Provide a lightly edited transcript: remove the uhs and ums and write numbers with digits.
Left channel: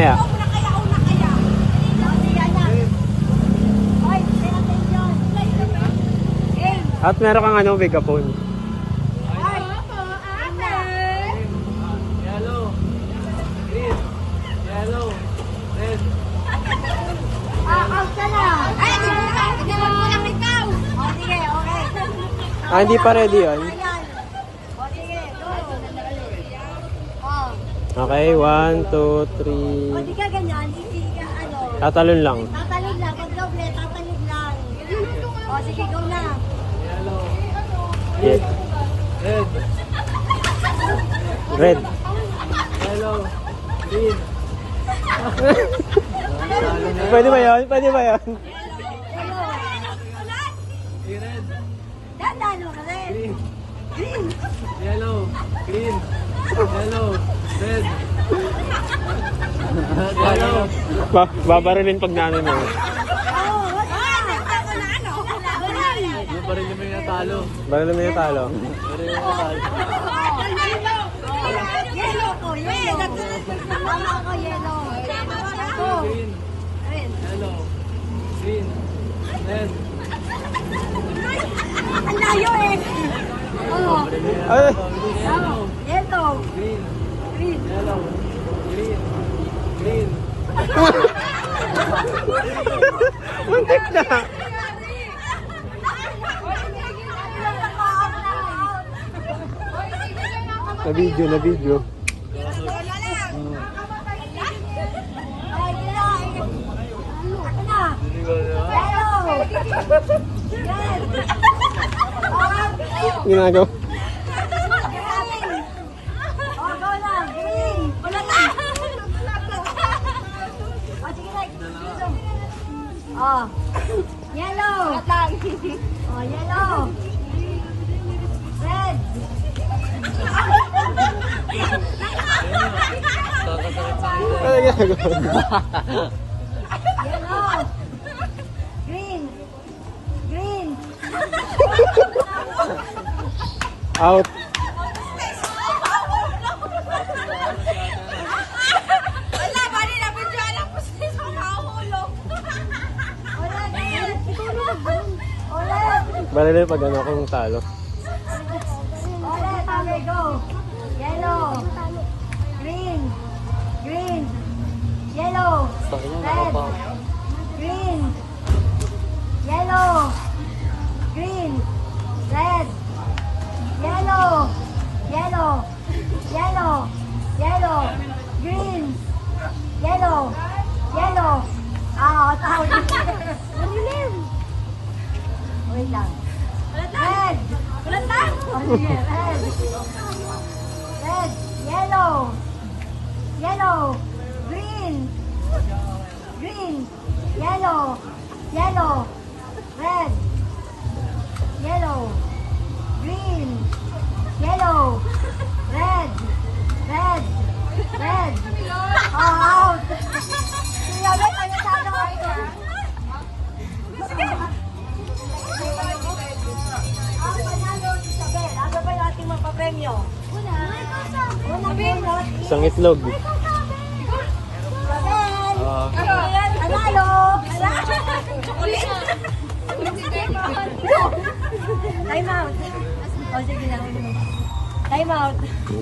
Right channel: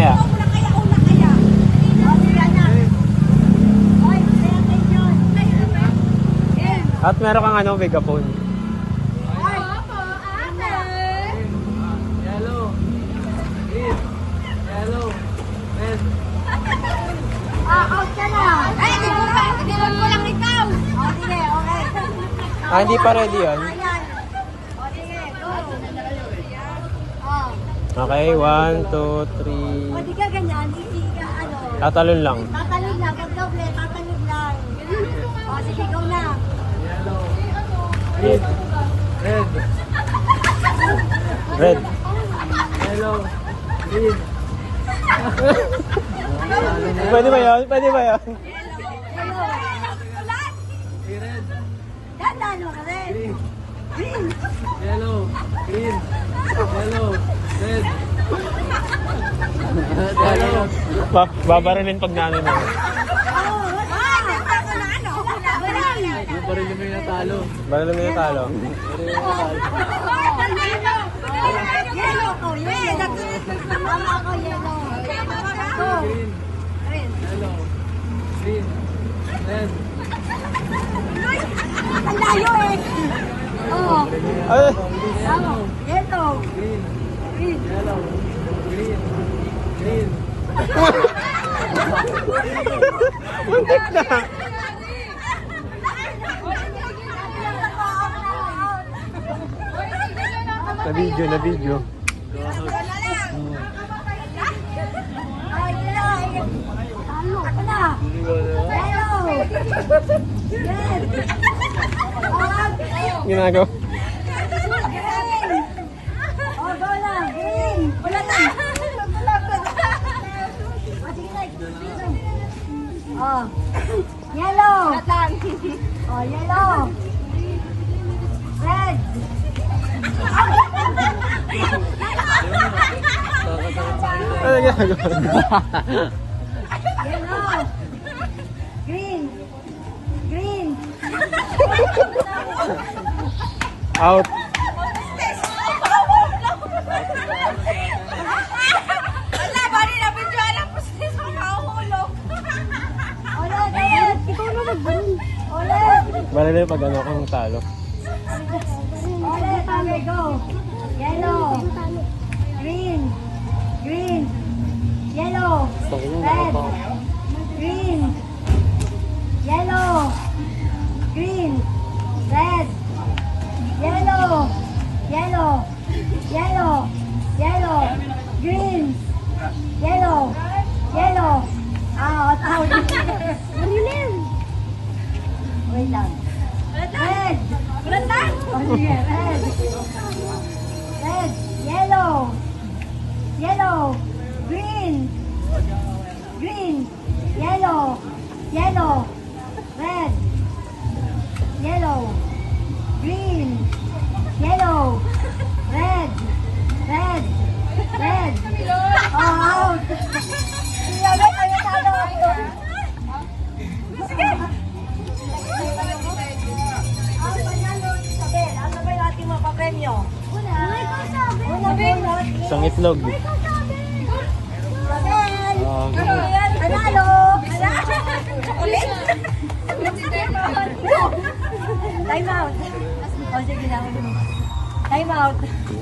mamaya. Una kaya. Ay, kaya kayo dyan. At meron kang ano, megaphone. Ay, out ka na. Ay, dinod mo lang ikaw. O, sige, okay. Ah, hindi pa ready yan. Ayan. O, sige, go. O. Okay, 1, 2, O, di ka ganyan. Hindi ka, 3. Tatalon lang. tatalon lang. Pag doble, tatalon lang. O, sige, go na. Red. Red. Pwede ba yan? Pwede ba yan? Ganda, no? Red. Yellow, green, yellow, red. Babarinin pag namin eh. Yung pa rin yung may natalo. Lagi naman yung talon. Green, yellow, green, red. Ayun! Green, yellow, green, green. Na video. Ginagawa. Yellow. Oh, yellow. Red. Yellow. Green. Green. Out. Wala, bali na bidyan lang po sa nakahulog. Ulit. Ikaw na magbaril. Ulit. Bali na pag ano kung talo. Ulit. Okay, go. Yellow. Green. Green. Yellow. Red. Green. Yellow. Green. Red. Yellow. Yellow. Yellow. Yellow. Green. Yellow. Yellow. Out. Wait lang. Red. Red na? Oh, sige. Red. Red. Yellow. Yellow. Green. Green. Yellow. Yellow. Red. Yellow. Green. Yellow. Red. Red. Red. Oh, out. Sige, tayo talo. Sige. Ang panalo. Sige, ano ba yung ating mga papremyo? Una. Isang itlog. Panalo. Chocolate. Time out. O, sige lang. Time out.